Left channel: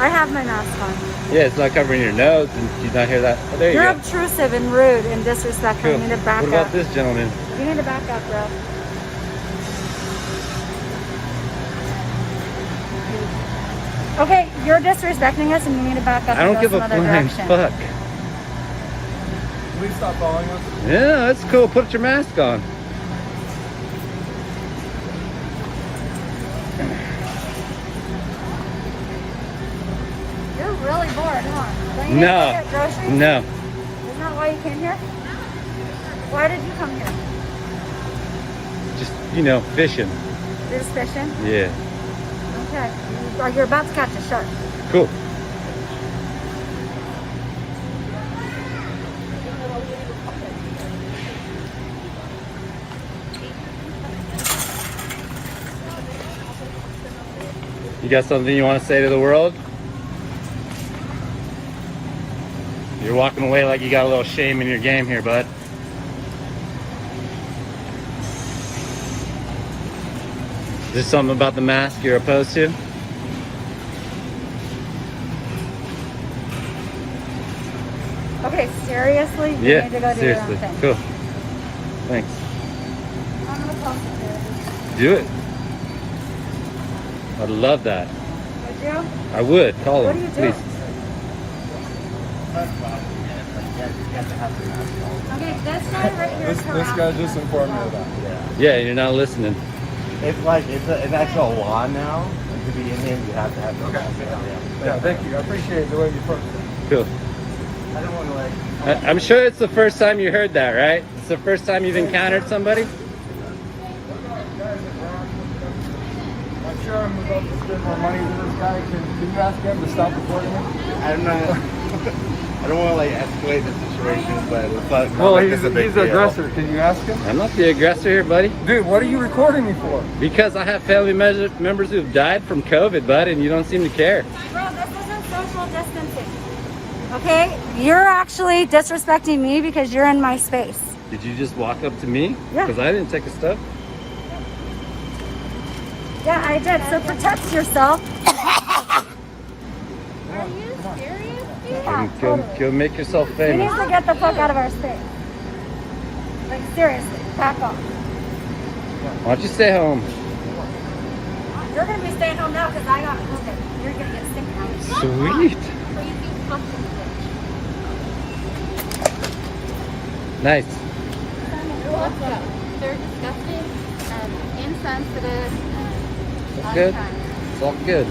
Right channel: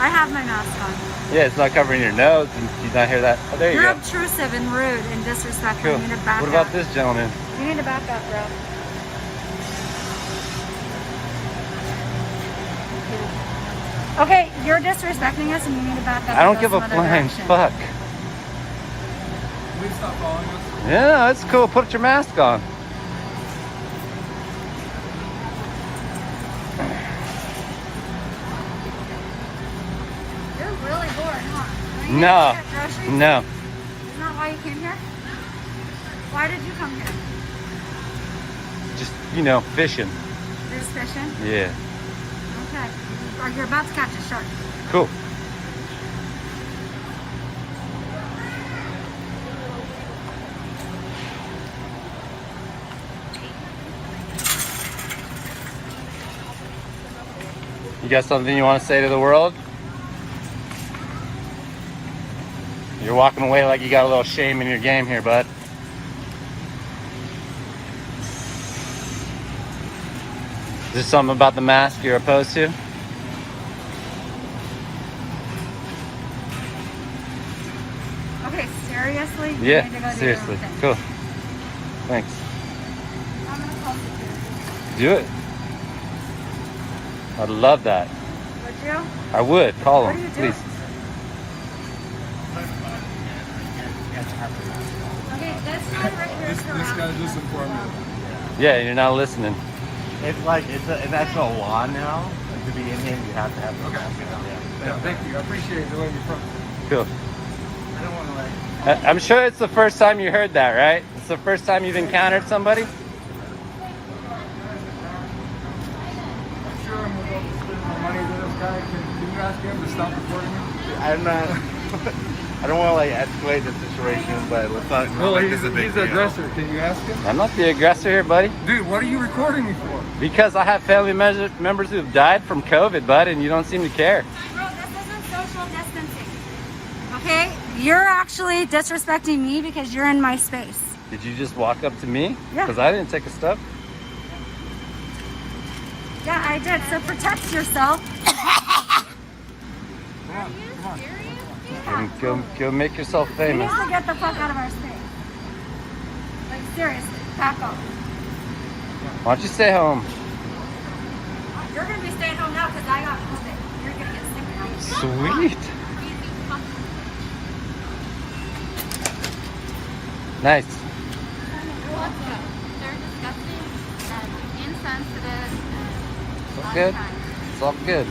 I have my mask on. Yeah, it's not covering your nose. And did you not hear that? Oh, there you You're go. obtrusive and rude and disrespectful. Cool. You need to back What up. about this gentleman? You need to back up, bro. Okay, you're disrespecting us and you need to back up. I don't and give go a some other flying direction. fuck. Please stop following us. Yeah, that's cool. Put your mask on. You're really bored, huh? Don't you No. need to get groceries? No. Isn't that why you came here? Why did you come here? Just, you know, fishing. You're just fishing? Yeah. Okay. Or you're about to catch a shark. Cool. You got something you want to say to the world? You're walking away like you got a little shame in your game here, bud. Is there something about the mask you're opposed to? Okay, seriously? You Yeah, need to go do seriously. your own thing. Cool. Thanks. I'm gonna call security. Do it. I'd love that. Would you? I would. Call What him, are you doing? please. Okay, this guy lives This guy just informed me about it. Yeah, you're not listening. It's like it's actual law now. To be in here, you have to have the mask. Yeah, thank you. I appreciate the way you put it. Cool. I don't want to like. I'm sure it's the first time you heard that, right? It's the first time you've encountered somebody? I'm sure I'm about to spend my money to this guy. Can you ask him to stop recording me? I'm not. I don't want to like escalate the situation, but it's not No, like he's this is a big the deal. aggressor. Can you ask him? I'm not the aggressor here, buddy. Dude, what are you recording me for? Because I have family members who've died from COVID, bud, and you don't seem to care. Bro, this isn't social distancing. Okay? You're actually disrespecting me because you're in my space. Did you just walk up to me? Yeah. Because I didn't take a step. Yeah, I did. So protect yourself. Go make yourself You famous. need to get the fuck out of our space. Like, seriously, back off. Why don't you stay home? You're going to be staying home now because I got COVID. You're going to get sick. Sweet. Nice. They're disgusting and insensitive and It's good. unkind. It's all good.